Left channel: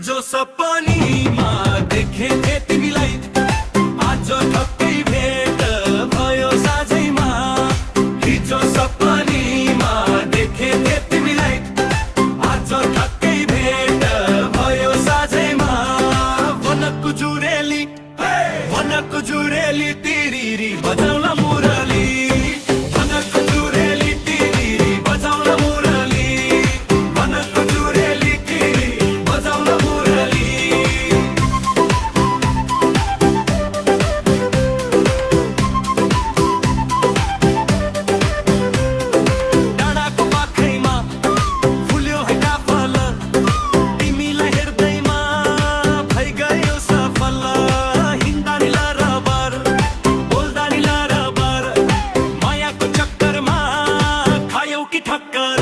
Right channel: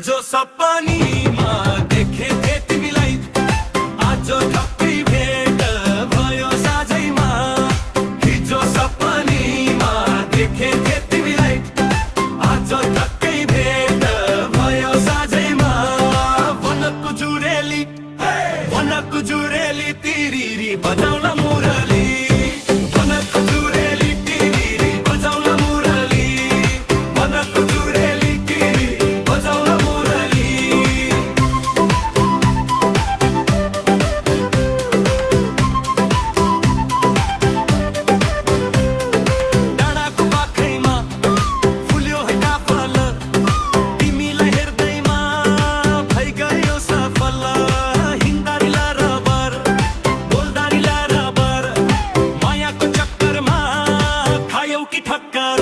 हिजो सपनीमा देखेथे तिमीलाई, आज ठक्कै भेट भयो साझैमा। हिजो सपनीमा देखेथे तिमीलाई, आज ठक्कै भेट भयो साझैमा। वनको जुरेली वनको जुरेली तिरिरी बजाउला मुरली, वनको जुरेली तिरिरी बजाउला मुरली, वनको जुरेली तिरिरी बजाउला मुरली। डाँडाको पाखैमा फुल्यो है काफल, तिमीलाई हेर्दैमा भइगयो सफल। हिँड्दा नि लरबर, बोल्दा नि लरबर, मायाको चक्करमा खायौ कि ठक्कर।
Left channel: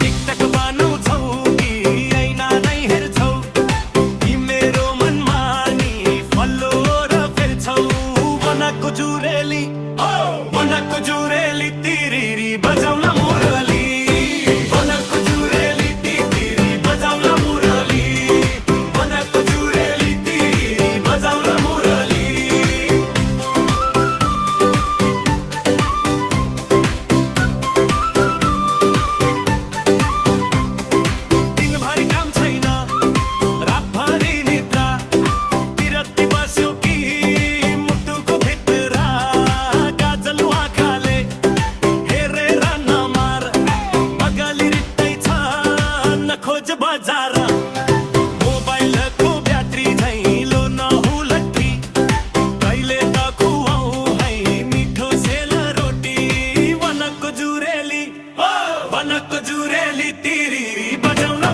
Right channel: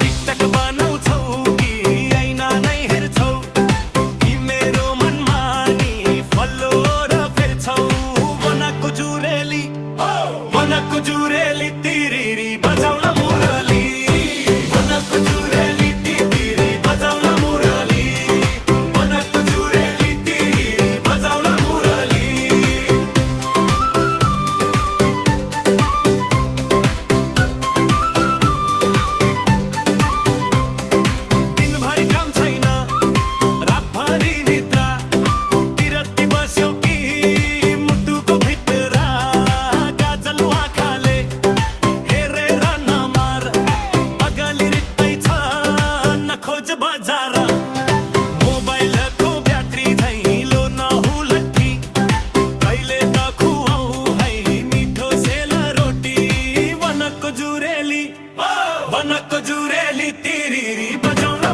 टिकटक बनाउँछौ कि ऐना नै हेर्छौ, कि मेरो मनमा नि फल्लो र फेर्छौ। वनको जुरेली वनको जुरेली तिरिरी बजाउला मुरली, वनको जुरेली तिरिरी बजाउला मुरली, वनको जुरेली तिरिरी बजाउला मुरली। दिनभरि काम छैन, रातभरि निद्रा, तिरती बस्यो कि मुटुको भित्र। गाजल आँखाले हेरेर नमार, अगालि रित्तै छ नखोज बजार। मोबाइलको ब्याट्री झैलो नहुलट्ठी, कहिले त खुवाउ है मिठो सेल रोटी। वनको जुरेली तिरिरी बजाउन